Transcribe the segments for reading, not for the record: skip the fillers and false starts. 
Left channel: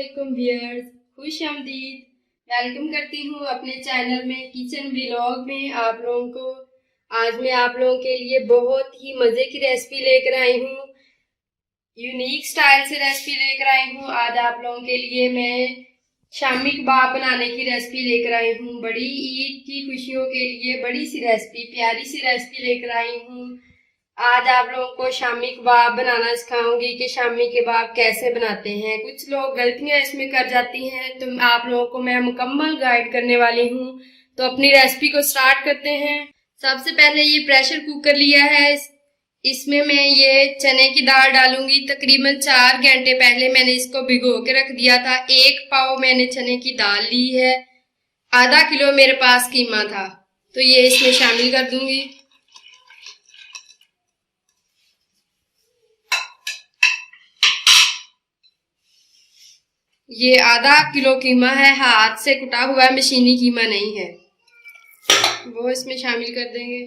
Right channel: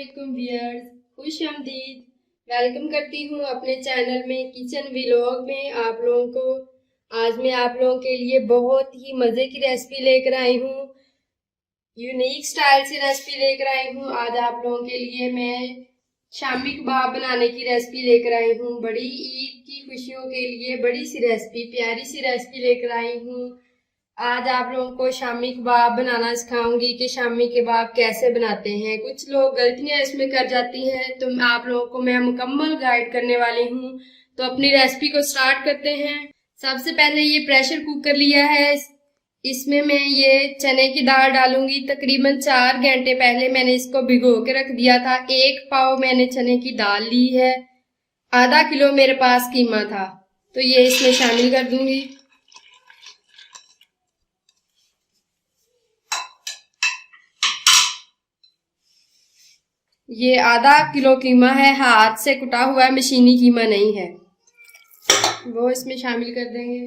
अस्सलामुअलैकुम व्यूअर्स, खुश आमदीद। वेलकम करती हूँ अपने चैनल में किचन व्लॉग में आप लोगों को। आज मैं आप लोगों के लिए बहुत ही मज़े की रेसिपी लेकर आई हूँ, यूनिक स्टाइल से रेसिपी लेकर आई हूँ। आज आप लोगों के लिए मैं शामी कबाब बनाने की रेसिपी लेकर आई हूँ। बड़ी ईद की खुशियों के लिए बड़ी सी रेसिपी, प्यारी सी रेसिपी लेकर आई हूँ। आज आप लोगों को शामी कबाब बनाना सिखाऊंगी कि शामी कबाब कैसे बनाते हैं। कुछ लोग गलतियां इसमें कर जाती हैं, तो आप लोगों को मैं मुकम्मल गाइड करने वाली हूँ। तो अपनी रेसिपी को स्टार्ट करते हैं। सबसे पहले ये प्रेशर कुकर लिया है, इसमें मैं ये चने की दाल डालूंगी। तकरीबन 4 घंटे पहले मैंने इसको भिगो के रख दिया था। 1 पाव मैंने चने की दाल ली है, आधा किलो मेरे पास कीमा था, तो ये इसमें शामिल कर दूंगी। ये आधा किलो कीमा है, हाथ से कुटा हुआ है, मशीनी कीमा नहीं है, वो इसमें शामिल कर देंगे।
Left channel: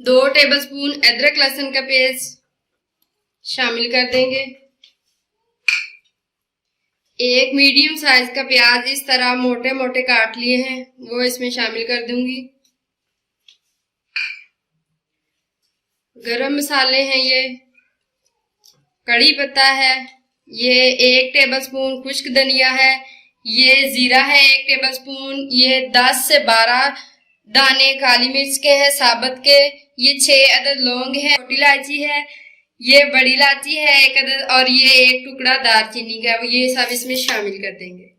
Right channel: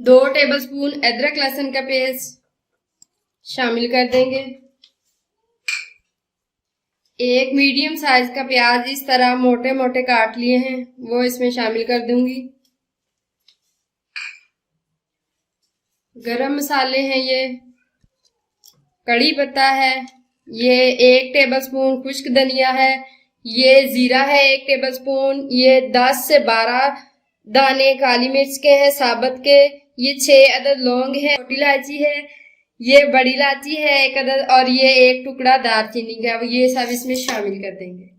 2 टेबलस्पून अदरक लहसुन का पेस्ट शामिल कर देंगे। 1 मीडियम साइज का प्याज इस तरह मोटे मोटे काट लिए हैं, वो इसमें शामिल कर दूंगी। गरम मसाले हैं, ये कड़ी पत्ता है, ये 1 टेबलस्पून खुश्क धनिया है, ये जीरा है 1 टेबलस्पून, ये 10 से 12 दाने काली मिर्च के हैं साबुत के, ये 6 अदद लौंग है, छोटी इलायची है, ये बड़ी इलायची है 1 अदद, और ये 1 टुकड़ा दालचीनी का, ये सब इसमें शामिल कर देंगे।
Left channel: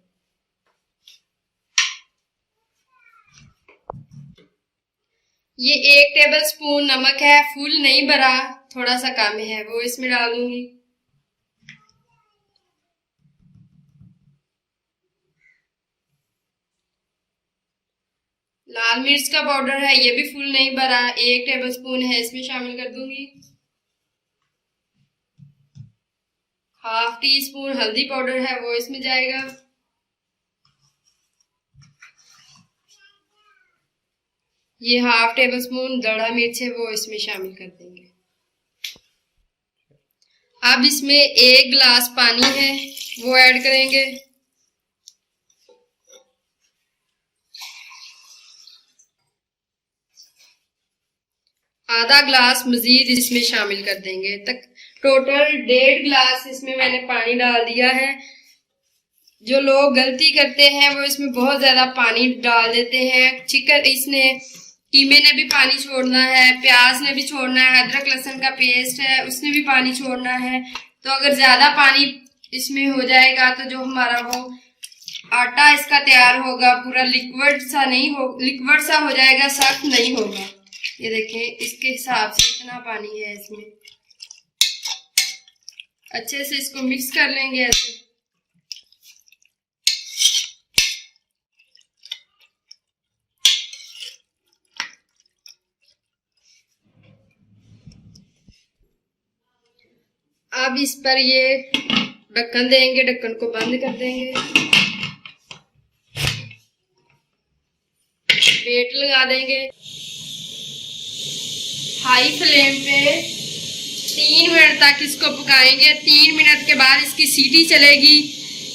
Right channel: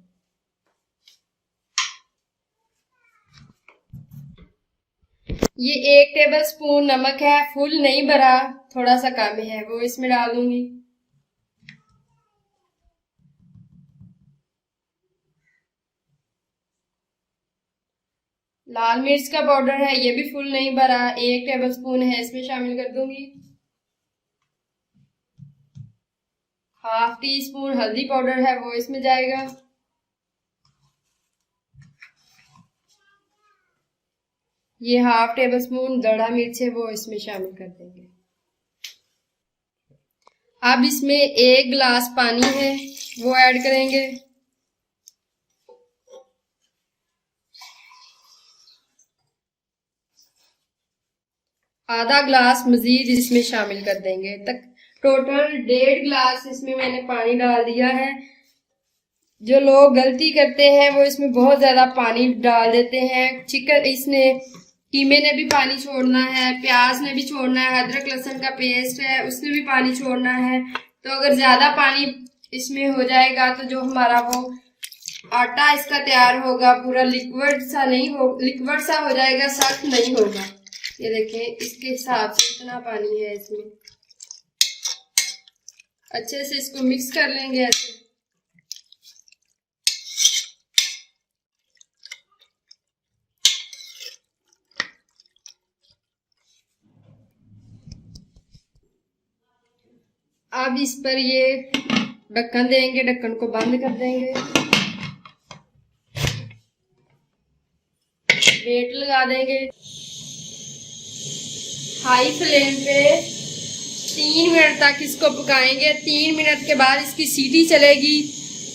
ये 1 टेबलस्पून नमक है, फुल नहीं भरा, थोड़ा सा कम है, वो इसमें डाल दूंगी। लाल मिर्च का पाउडर है, ये भी फुल नहीं भरा, 1 टेबलस्पून है, इसमें शामिल कर दूंगी। हाफ टी स्पून हल्दी पाउडर है, वो इसमें जाएगा। ये हाफ टेबलस्पून दड़ा मिर्च है, वो इसमें शामिल कर देंगे। अब इसमें 1 गिलास पानी है, वो ऐड करेंगे। आधा गिलास मजीद इसमें शामिल कर देंगे, तक टोटल 1.5 गिलास इसमें मैंने पानी डाल दिया है। जो लोग गलती करते हैं वो इसमें बहुत ज्यादा पानी डाल देते हैं। कीमे ने भी पानी छोड़ना है, प्याज ने भी छोड़ना है, अदरक लहसुन का पेस्ट है उसने भी पानी छोड़ना है। तो अगर ज्यादा पानी इसमें हो जाएगा तो जो हमारा वो आटा इसका तैयार होगा पूरा लिक्विड सा हो जाएगा, सख्त नहीं होगा। ये देखें, इसके हिसाब से इतना पानी है इसमें। अच्छे से इसको मिक्स कर लेंगे ऐसे। अब इस पर ये ढक्कन देंगे, ढक्कन को बंद कर देंगे, वेट लगा देंगे। हाई फ्लेम पे 3 मिनट तक इसको पकाएंगे। 3 मिनट के बाद इसकी सीटी चलेगी,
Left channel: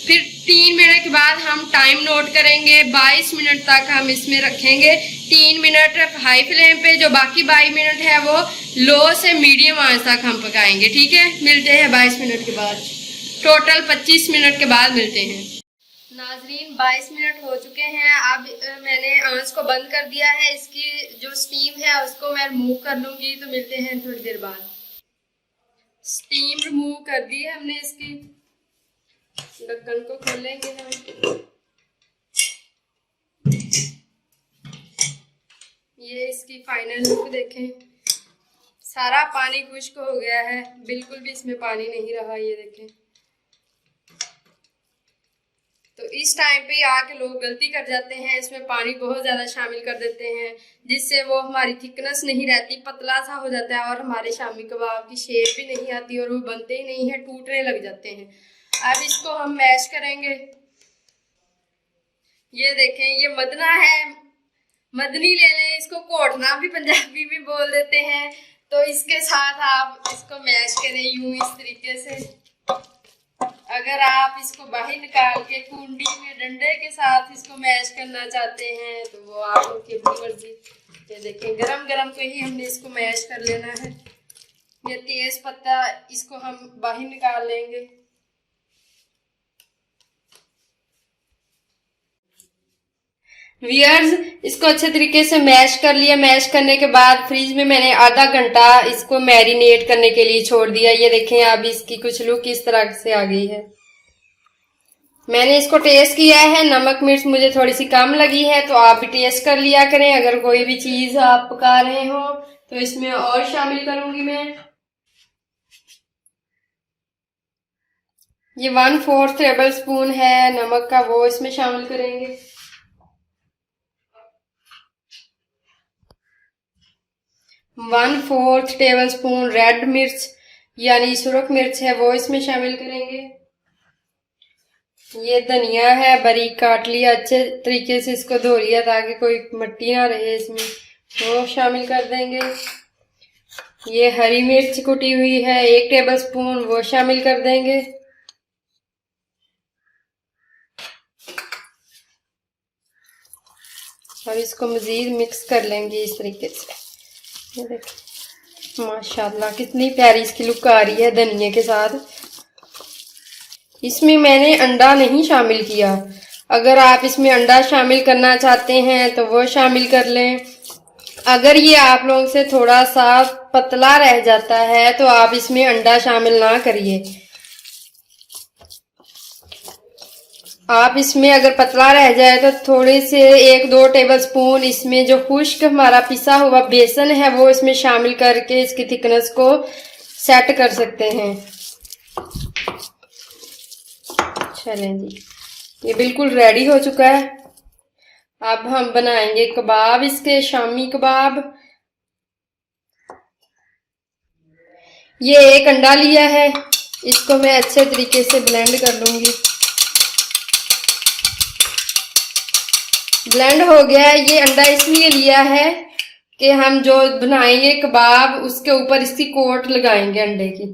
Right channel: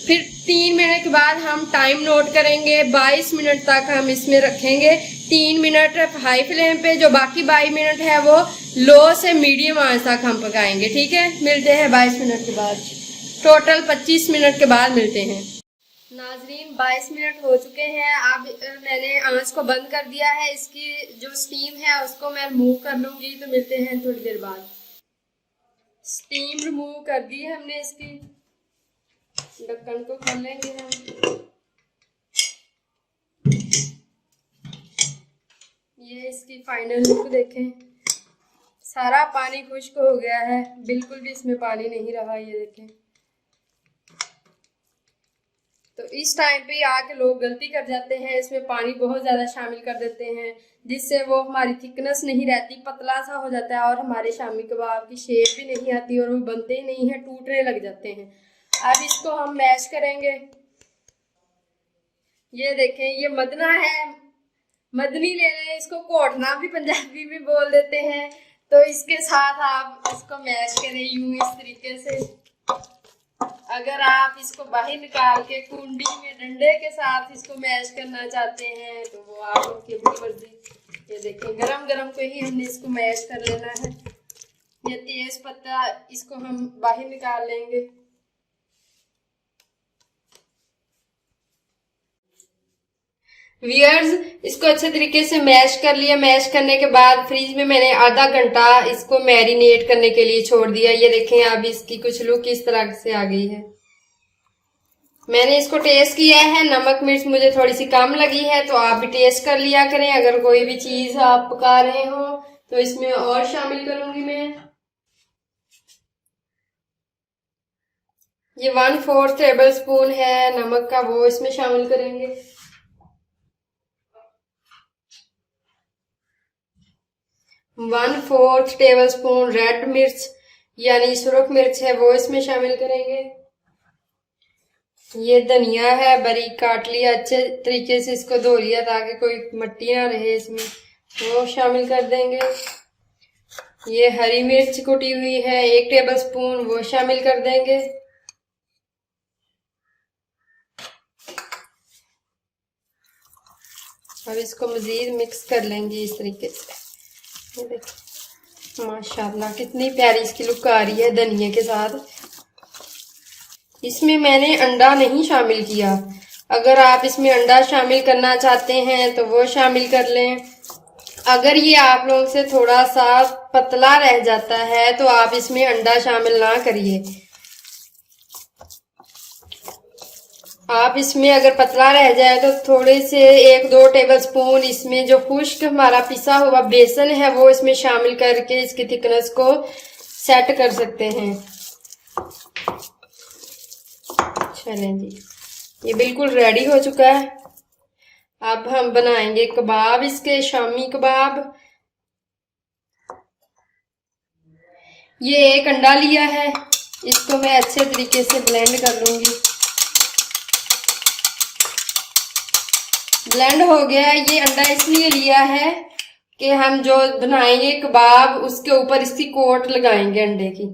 फिर 3 मिनट के बाद हम टाइम नोट करेंगे। 22 मिनट तक हम इसमें रखेंगे। 3 मिनट हाई फ्लेम पे, जो बाकी 22 मिनट है वो लो से मीडियम आंच तक हम पकाएंगे। ठीक है, मिलते हैं 22 मिनट के बाद। टोटल 25 मिनट के बाद मिलते हैं। नाजरीन, 22 मिनट हो चुके हैं। अब मैंने आंच को बंद कर दिया है। इसकी जो स्टीम है उसको मैं रिमूव कर लूंगी, तो मिलते हैं थोड़ी देर बाद। स्टीम रिमूव कर दी है हमने इसकी। ढक्कन को खोलेंगे हम। ये इसकी फाइनल लुक देखें, सारा पानी खुश्क हो गया है, बिल्कुल भी इसमें पानी नहीं रहा। ये देखें, तो इस टाइम पे आके लोग गलती कर जाते हैं, इसमें पानी बहुत ज़्यादा शामिल कर देते हैं, जिससे वो हमारी थिकनेस नहीं रहती, पतला सा हो जाता है और हमारे शामी कबाब की शेप भी नहीं आती और वो बनते ही नहीं है, टूटने लग जाते हैं। अब इसको हम मैश करेंगे। ये देखें, ये मदना है, मदनी ले लें, इसको कोटना भी पंजाबी में बोल देते हैं। तो इसके साथ आप इसको मैश करें यूं इस तरीके से। अगर आप इसको बाहर निकाल के कुंडी में डंडे के साथ इसको मैश करना चाहते हैं तो वो आप लोग की अपनी मर्जी। ये देखें गरम गरम पे ही हमने इसको मैश कर लेना है। ये तेज पत्ता इसको हम बाहर निकाल लेंगे। व्यूअर्स, इसको अच्छे तरीके से मैश कर लिया। मैश करने के बाद फ्रिज में मैंने आधा घंटा इसको मैरिनेट करने के लिए छोड़ दिया। ये देखें अब इसकी कुछ लुक इस तरह से आ गई है। मैंने इसको टेस्ट किया है, नमक मिर्च मुझे थोड़ी सी कम लगी है, तो आप भी टेस्ट कर लिया करें। अगर कोई भी चीज आप पका रहे हो तो इसमें और शामिल करूंगी मैं। ये 1/4 टेबल स्पून है नमक का, वो इसमें शामिल करेंगे। 1/4 टेबल स्पून रेड मिर्च यानी सुरख मिर्च है, वो इसमें शामिल करेंगे। ये धनिया है, बारीक काट लिया, अच्छे तरीके से इसको धो लिया ताकि कोई मिट्टी ना रहे इसमें, वो शामिल कर देंगे। ये हरी मिर्च कुटी हुई है 1 टेबल स्पून, वो शामिल कर देंगे। अब इसको मजीद मिक्स कर लेंगे इस तरीके से। ये देखिए माशाल्लाह कितनी प्यारी इसकी लुक आ रही है धनिया के साथ। इसमें मैंने अंडा नहीं शामिल किया। अगर आप इसमें अंडा शामिल करना चाहते हैं तो वो शामिल कर लें। अगर ये आप लोगों से थोड़ा सा पतला रह जाता है तो आप इसमें अंडा शामिल ना करिए। आप इसमें अगर पतला रह जाए तो थोड़े से 1-2 टेबल स्पून इसमें जो खुश्क हमारा पिसा हुआ बेसन है वो इसमें शामिल करके इसकी थिकनेस को सेट कर सकते हैं। चलें जी, ये बिल्कुल रेडी हो चुका है। अब हम बनाएंगे कबाब, इसके शामी कबाब। ये 1 अंडा लिया है, इसको मैं अच्छे तरीके से ब्लेंड कर लूंगी। ब्लेंड हो गया है। ये अंडा इसलिए लिया है कि हम जो बनाएंगे कबाब उसके ऊपर इसकी कोट लगाएंगे अंडे की।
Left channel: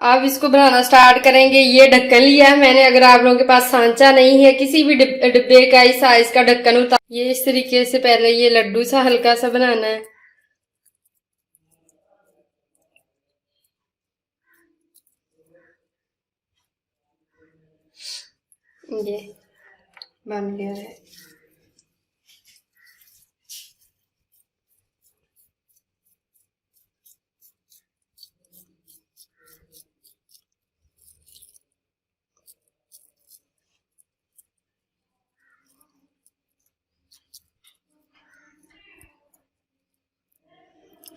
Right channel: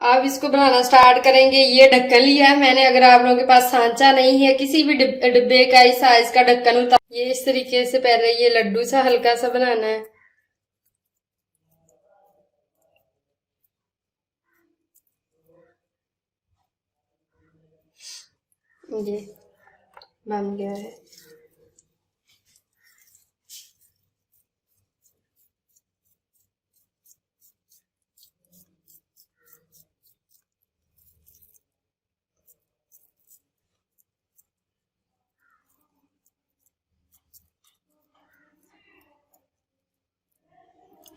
अब इसको बनाना स्टार्ट करेंगे। ये ढक्कन लिया है मैंने। अगर आप लोगों के पास सांचा नहीं है, किसी भी डिब्बे का इस साइज का ढक्कन उतार, ये इस तरीके से पहले ये लड्डू सा हल्का सा बनाना है। ये बन गया है।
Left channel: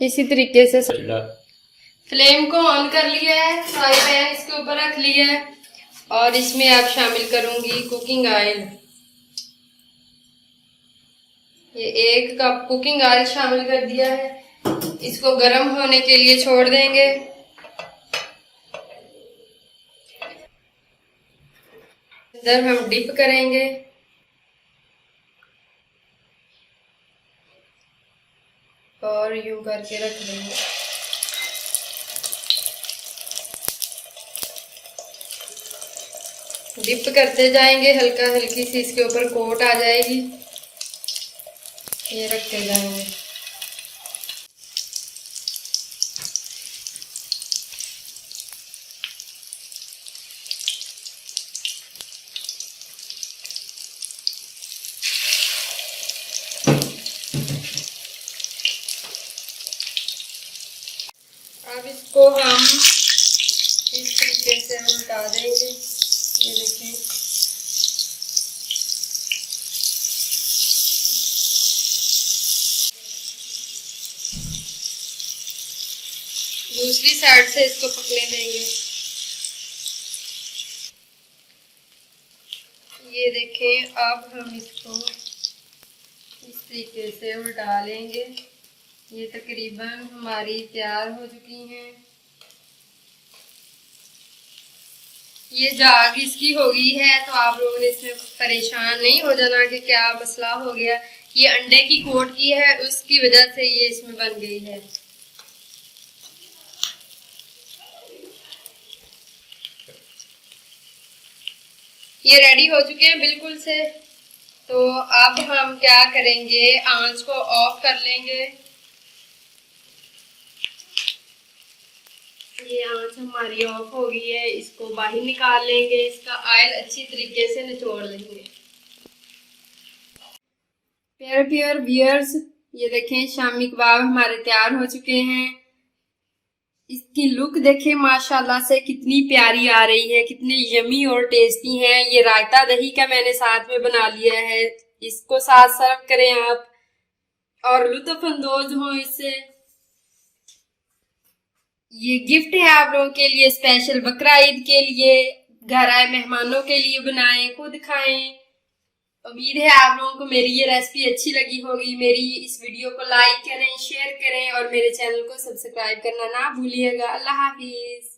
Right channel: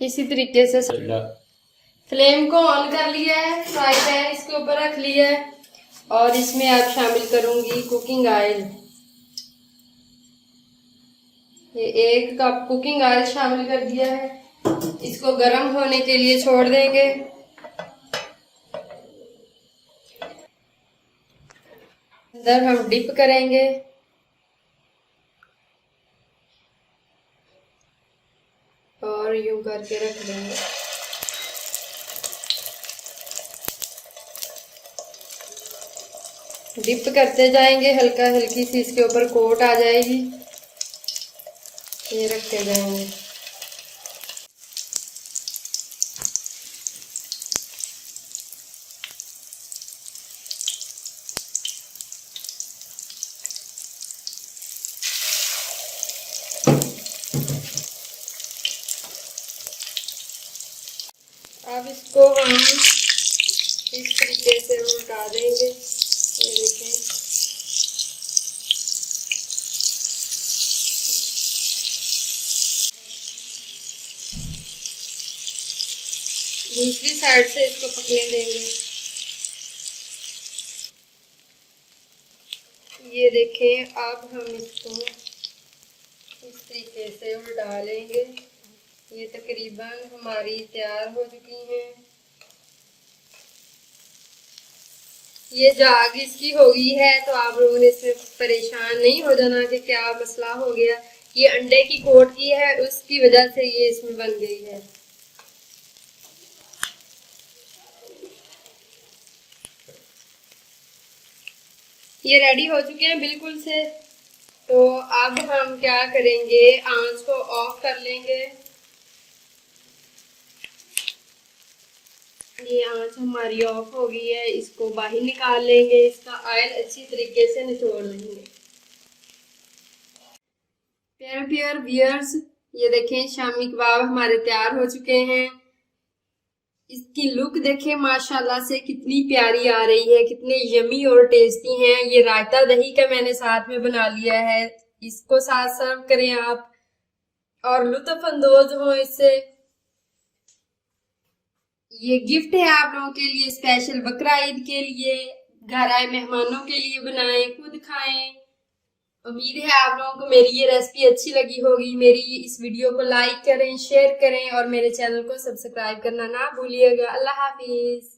इसी तरीके से फ्लेम को ऑन कर लिया है, फ्राई पैन इसके ऊपर रख लिया है और इसमें अब शामिल करूंगी कुकिंग ऑयल। ये 1 कप कुकिंग ऑयल शामिल कर दिया है। इसको गर्म होने के लिए छोड़ देंगे। अंदर हम डिप करेंगे और यूं करके रख देंगे। डिप करते जाएंगे, हल्का हल्की सी इसके ऊपर कोट आ जाएगी, ये रखते जाएंगे। अब इसको हम इस तरीके से उल्टा देंगे। ये देखें दूसरी साइड से इसको पकने देंगे। ये देखें अब हम इसको इस तरीके से उल्टा लेंगे। ये तकरीबन हमारी तैयार हो चुकी हैं। ये जाग इसकी हो गई है तो आप लोगों ने इसमें परेशान नहीं हो जाना कि क्या मसला हो गया। ये अंडे की कोट की है, उसकी वजह से ये इसमें बन गई है। ये रेडी हो चुके हैं बिल्कुल से। तो अब हम क्या करेंगे, आंच को ऑफ कर लेंगे। ये आंच हमारी ऑफ हो गई है, इसको बाहर निकाल लेंगे, इसका ऑयल अच्छी तरीके से निचोड़ लेंगे। प्यारे व्यूअर्स, ये देखें शामी कबाब हमारे तैयार हो चुके हैं। इसकी लुक देखें माशाल्लाह से कितनी प्यारी आ रही है, कितने यमी और टेस्टी हैं। ये रायता दही का मैंने साथ में बना लिया है, इसको साथ सर्व करें आप और लुत्फ अंदोज हो इससे। ये गिफ्ट है आप लोगों के लिए, स्पेशल बकरा ईद के लिए, घर आए मेहमानों के लिए बनाएं, खुद खाएं। उम्मीद है आप लोगों को मेरी ये रेसिपी अच्छी लगी होगी। मेरी इस वीडियो को लाइक करें, शेयर करें और मेरे चैनल को सब्सक्राइब करना ना भूलिएगा। अल्लाह हाफिज।